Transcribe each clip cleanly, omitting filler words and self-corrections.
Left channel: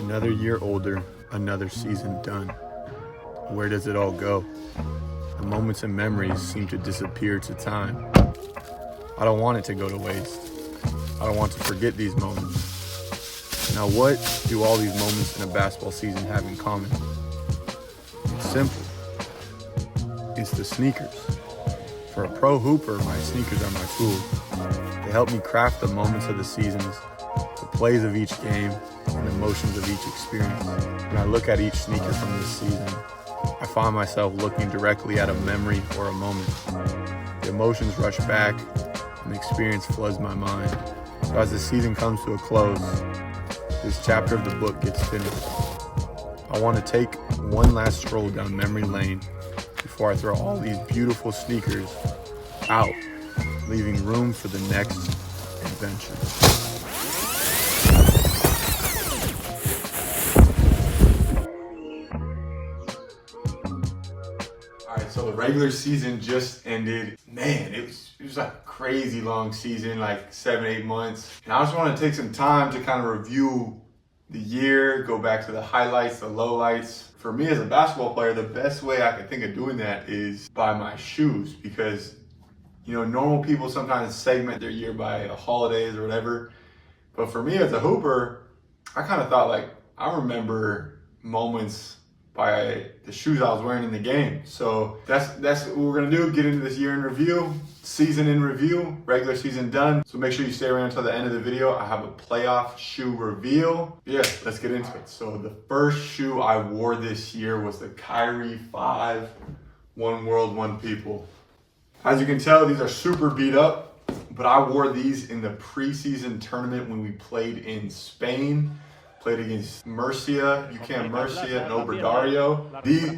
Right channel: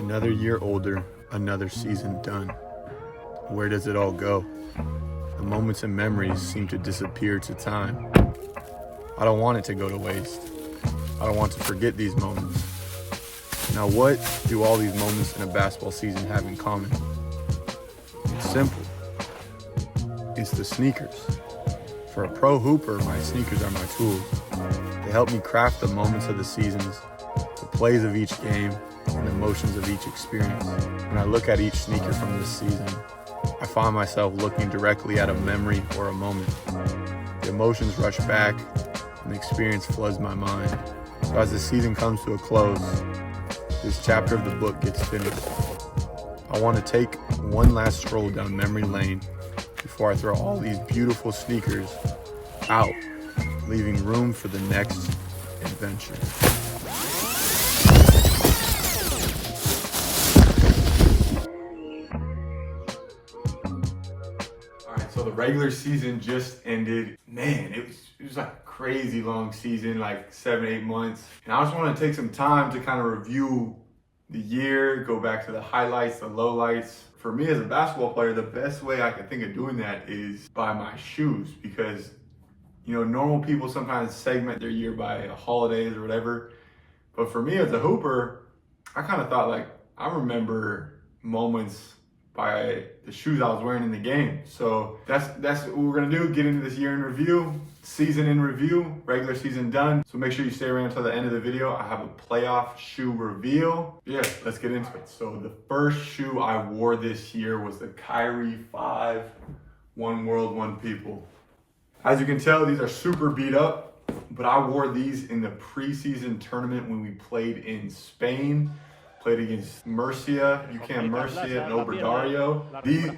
Another year older, another season done. Where does it all go? The moments and memories seem to disappear to time. I don't want it to go to waste. I don't want to forget these moments. Now, what do all these moments in a basketball season have in common? It's simple. It's the sneakers. For a pro hooper, my sneakers are my tools. They help me craft the moments of the seasons, the plays of each game, and the emotions of each experience. When I look at each sneaker from this season, I find myself looking directly at a memory or a moment. The emotions rush back, and the experience floods my mind. So as the season comes to a close, this chapter of the book gets finished. I want to take one last stroll down memory lane before I throw all these beautiful sneakers out, leaving room for the next adventure. All right, so the regular season just ended. Man, it was like a crazy long season, like 7-8 months. And I just want to take some time to kind of review the year, go back to the highlights, the lowlights. For me as a basketball player, the best way I can think of doing that is by my shoes, because normal people sometimes segment their year by holidays or whatever. But for me as a hooper, I kind of thought I remember moments by the shoes I was wearing in the game. So that's what we're gonna do, get into this year in review, season in review, regular season done. So make sure you stay around until the end of the video. I have a playoff shoe reveal. Yeah, let's get into it. So the first shoe I wore this year was the Kyrie 5, One World, One People. As you can tell, these are super beat up, but I wore these in the preseason tournament when we played in Spain. Played against Murcia, Murcia, and Obradoiro. These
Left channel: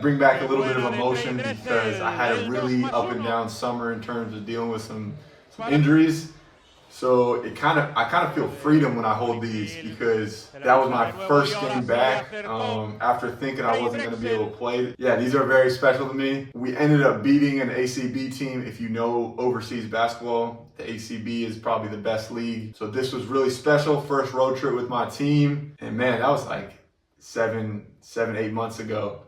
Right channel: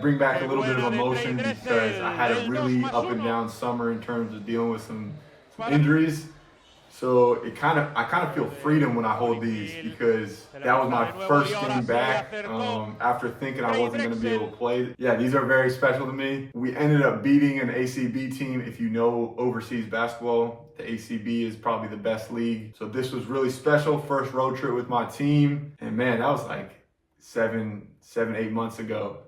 bring back a little bit of emotion because I had a really up and down summer in terms of dealing with some injuries. So I kind of feel freedom when I hold these, because that was my first game back after thinking I wasn't going to be able to play. Yeah, these are very special to me. We ended up beating an ACB team. If you know overseas basketball, the ACB is probably the best league. So this was really special. First road trip with my team. And man, that was like 7-8 months ago.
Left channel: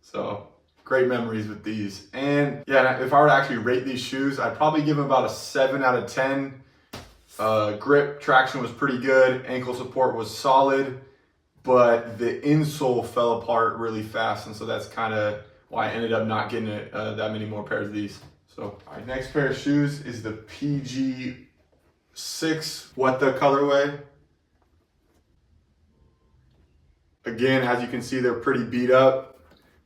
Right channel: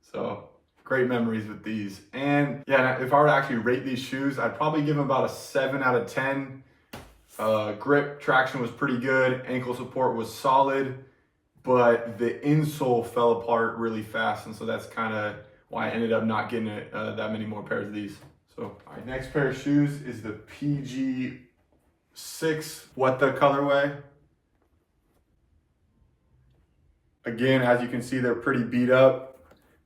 So great memories with these. And yeah, if I were to actually rate these shoes, I'd probably give them about a 7 out of 10. Grip traction was pretty good. Ankle support was solid, but the insole fell apart really fast. And so that's kind of why I ended up not getting that many more pairs of these. So, all right, next pair of shoes is the PG6 What the colorway. Again, as you can see, they're pretty beat up.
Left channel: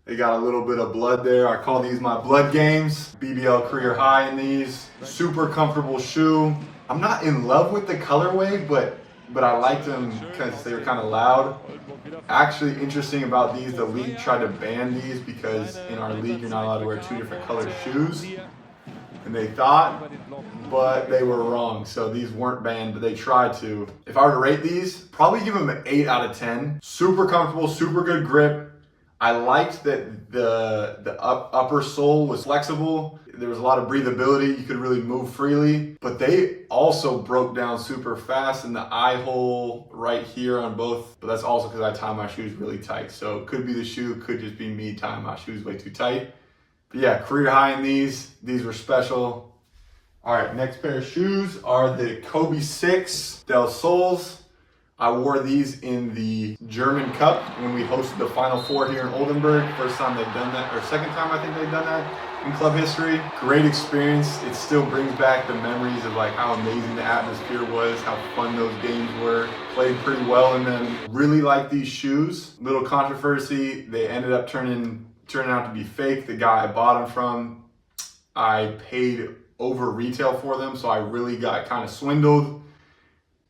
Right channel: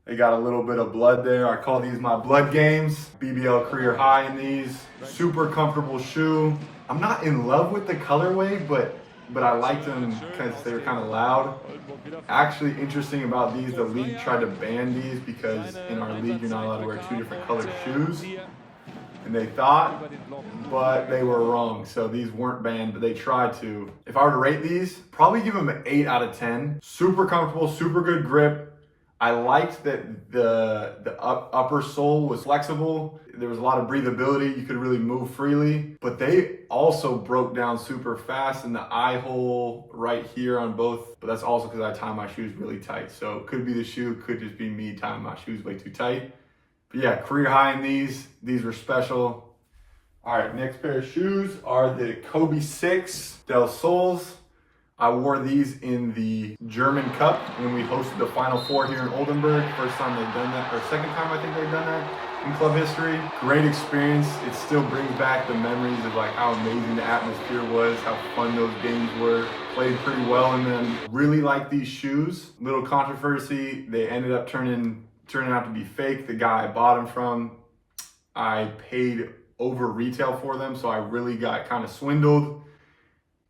They got a little bit of blood there. I call these my blood games. BBL career high in these. Super comfortable shoe. I'm not in love with the colorway, but I liked them because they were kind of loud. Actually, interesting about these, the league tried to ban these because in our league you're not allowed to wear 2 different colored shoes. And they thought, but they were wrong. So these weren't banned, but they tried to. If I were to rate these, probably give them an 8 out of 10. Super comfortable, super good grip. I liked that the upper sole was flexible. There was a lot of breathability. You could really move freely, but they also broke down super fast in the eye hole right here on both. But that's also because I tie my shoes really tight. So it could be the shoe, could just be me tying my shoes way too tight. But yeah, career high in these. These were special. All right, next pair of shoes are the Kobe 6 Del Sols. I wore these in the German Cup when we hosted the Final Four here in Oldenburg. First time they've done that, or second time I think they've done that in club history. Great experience. It still brings back the memories of how amazing the atmosphere was, how fun those games were. Played pretty well in them. Really like these shoes. Little controversy, they ended up turning out to be fake. The guy I bought them from, I paid over retail for them, so I really got kind of swindled.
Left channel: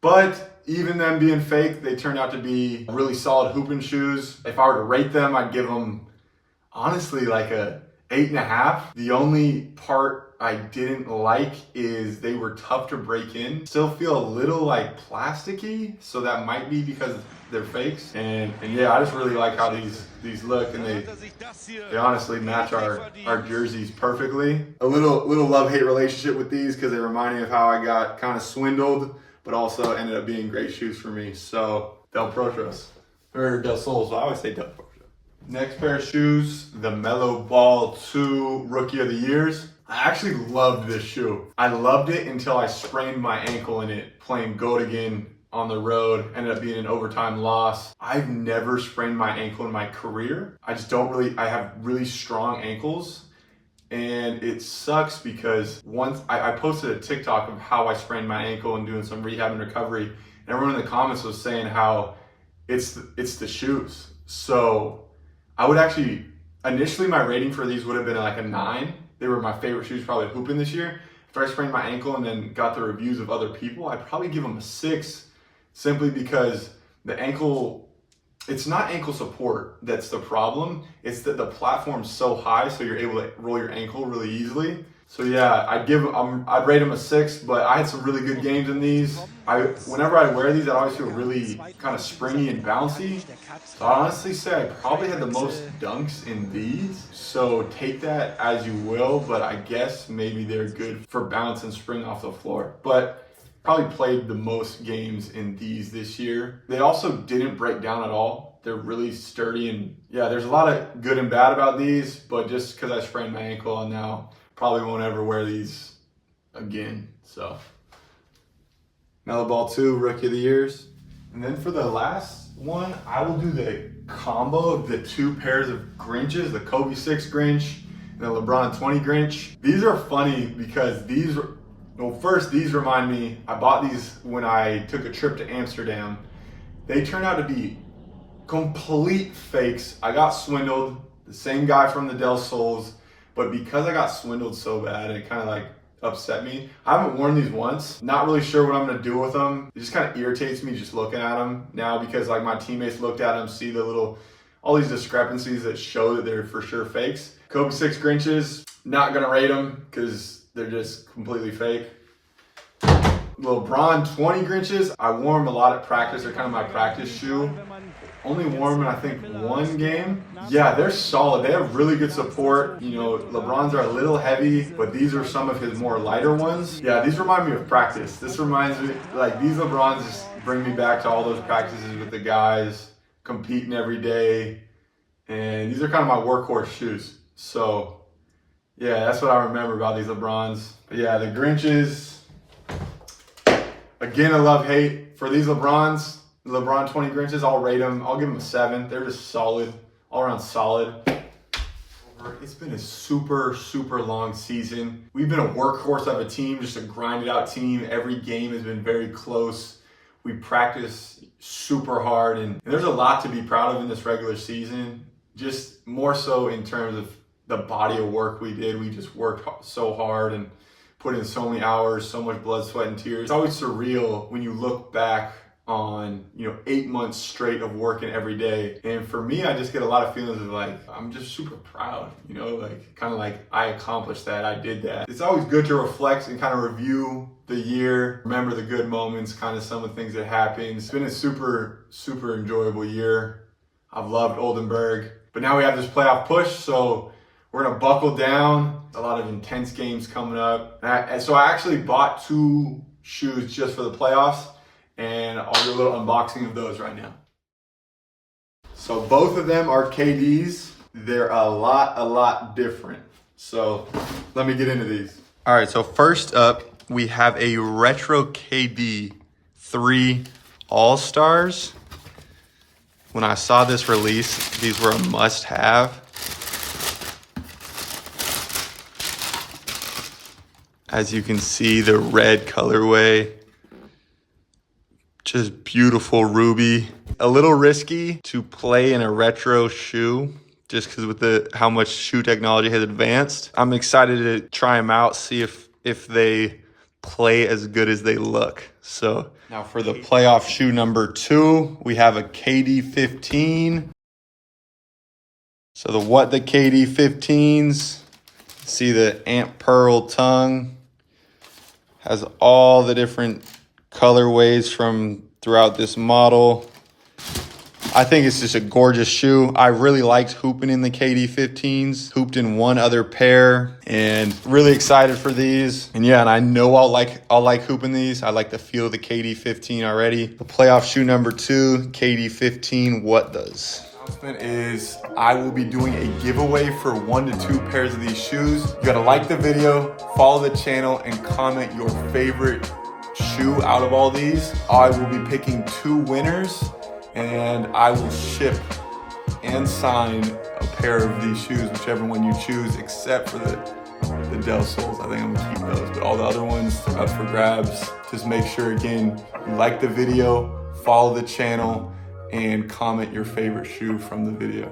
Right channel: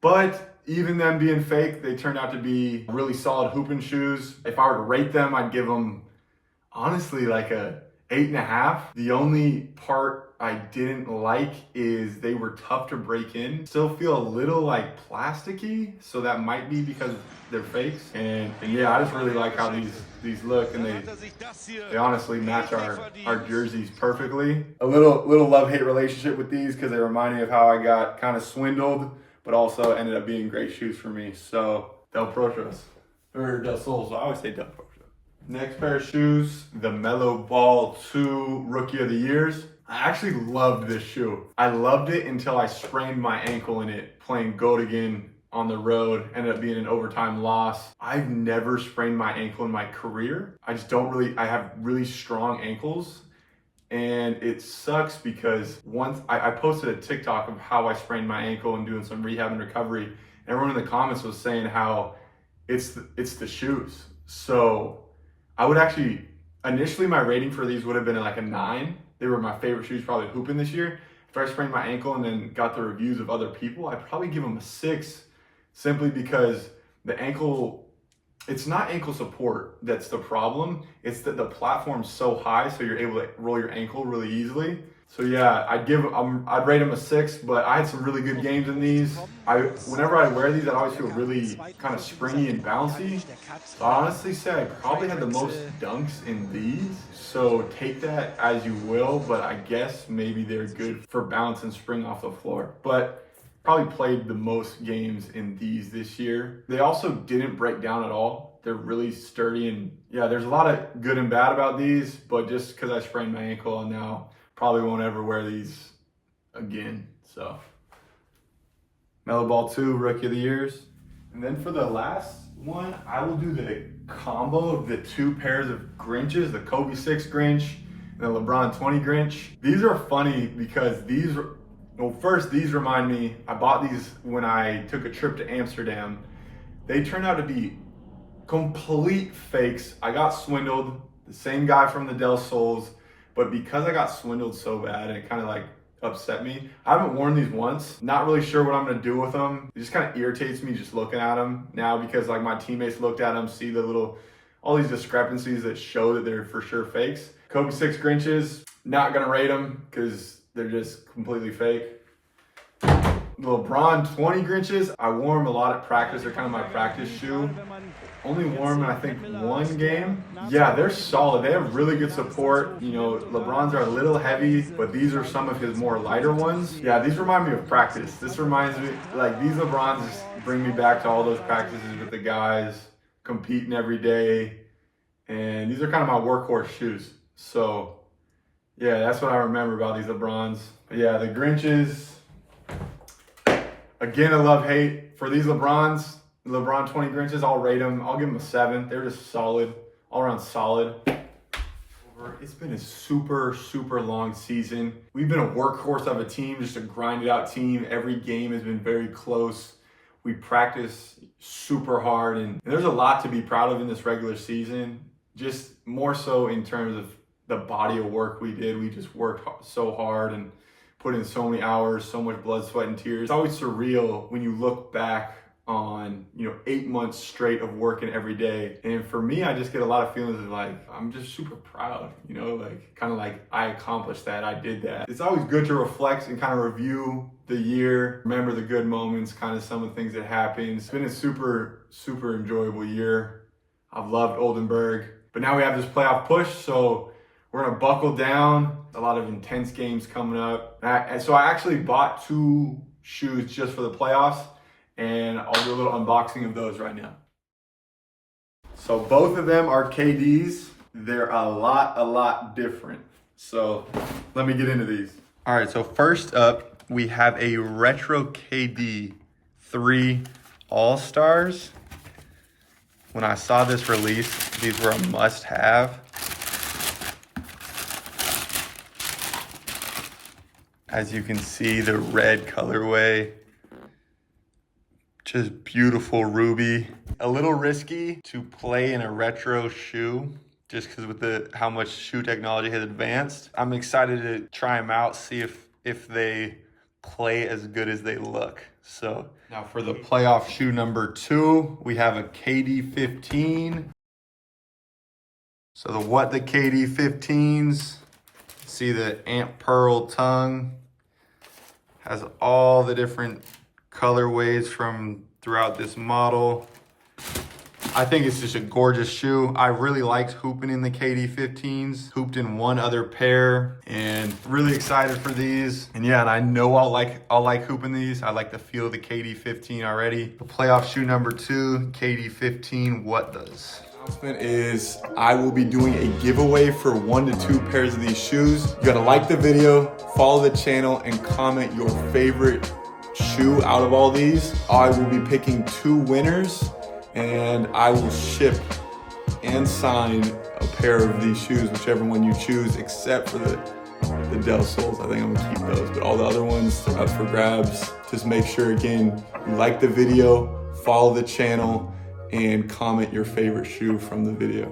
But even them being fake, they turned out to be really solid hooping shoes. If I were to rate them, I'd give them, honestly, like a 8.5. The only part I didn't like is they were tough to break in. Still feel a little plasticky, so that might be because they're fakes. And yeah, I just really like how these look, and they honestly match our jerseys perfectly. A little love-hate relationship with these because they remind me of how I got kind of swindled but also ended up being great shoes for me. So Del Prochos, or Del Sols, I always say Del Prochos. Next pair of shoes, the Mellow Ball 2 Rookie of the Years. I actually loved this shoe. I loved it until I sprained my ankle in it playing Goat again on the road. Ended up being an overtime loss. I've never sprained my ankle in my career. I have really strong ankles. And it sucks because once I posted a TikTok of how I sprained my ankle and doing some rehab and recovery. And everyone in the comments was saying how it's the shoes. So I would actually, initially my rating for these would have been like a 9. They were my favorite shoes probably hooping this year. If I sprained my ankle and then got the reviews of other people, I'd probably give them a 6, simply because the ankle, it's not ankle support that's the problem. It's that the platform's so high, so you're able to roll your ankle really easily. So yeah, I'd rate them a 6, but I had some really good games in these. Whenever I wear these, I always feel really kind of springy and bouncy. So I honestly say I probably had the most dunks in these. So take that as you will, but I guess maybe they're good for bounce and spring off the floor. But probably played the most games in these this year. They also didn't break down at all. They're really sturdy, and yeah, there's a lot of good and bad about these, but just because I sprained my ankle and now probably won't ever wear these again. So Mellow Ball 2 Rookie of the Years. And then for the last one, I will do the combo of the 2 pairs of Grinches, the Kobe 6 Grinch and the LeBron 20 Grinch. These are funny because these remind me, I bought these when I took a trip to Amsterdam. They turned out to be complete fakes. I got swindled, the same guy from the Del Sols, but because I got swindled so bad, it kind of like upset me. I haven't worn these once. Not really sure what I'm gonna do with them. It just kind of irritates me just looking at them now, because like my teammates looked at them, see all these discrepancies that show that they're for sure fakes. Kobe 6 Grinches, not gonna rate them because they're just completely fake. LeBron 20 Grinches, I wore them a lot at practice. They're kind of my practice shoe. Only wore them in, I think, 1 game. Yeah, they're solid. They have really good support. You know, LeBron's are a little heavy, but these are some of his more lighter ones. Yeah, these remind me of practice. This reminds me, like, these LeBrons bring me back to all those practices with the guys, competing every day. And these are kind of my workhorse shoes. So, yeah, that's what I remember about these LeBrons. But yeah, the Grinches, again, a love-hate. For these LeBrons, the LeBron 20 Grinches, I'll rate them. I'll give them a 7. They're just solid, all around solid. It's been a super, super long season. We've been a workhorse of a team, just a grinded out team. Every game has been very close. We practice super hard, and there's a lot to be proud of in this regular season. Just more so in terms of the body of work we did. We just worked so hard and put in so many hours, so much blood, sweat, and tears. It's always surreal when you look back on, 8 months straight of working every day. And for me, I just get a lot of feelings of like, I'm just super proud, kind of like I accomplished that, I did that. It's always good to reflect and kind of review the year, remember the good moments, kind of some of the things that happened. It's been a super, super enjoyable year. I've loved Oldenburg, but now we have this playoff push, so we're gonna buckle down. A lot of intense games coming up. And so I actually bought 2 shoes just for the playoffs, and I'll do a little unboxing of those right now. So both of them are KDs. They're a lot different. So let me get into these. All right, so first up, we have a Retro KD 3 All-Stars. When I saw this release, these were a must-have. As you can see, the red colorway, just beautiful ruby. A little risky to play in a retro shoe just because with how much shoe technology has advanced. I'm excited to try them out, see if they play as good as they look. So now for the playoff shoe number 2, we have a KD 15. So the KD 15s, see the Ant Pearl tongue, has all the different colorways from throughout this model. I think it's just a gorgeous shoe. I really liked hooping in the KD15s, hooped in one other pair, and really excited for these. And yeah, and I know I'll like hooping these. I like the feel of the KD15 already. The playoff shoe number 2, KD15, what does? Announcement is I will be doing a giveaway for 1 to 2 pairs of these shoes. You gotta like the video, follow the channel, and comment your favorite shoe out of all these. I will be picking 2 winners, and I will ship and sign a pair of these shoes, whichever one you choose, except for the Dell soles. I think I'm gonna keep those, but all the other ones are up for grabs. Just make sure, again, you like the video, follow the channel, and comment your favorite shoe from the video.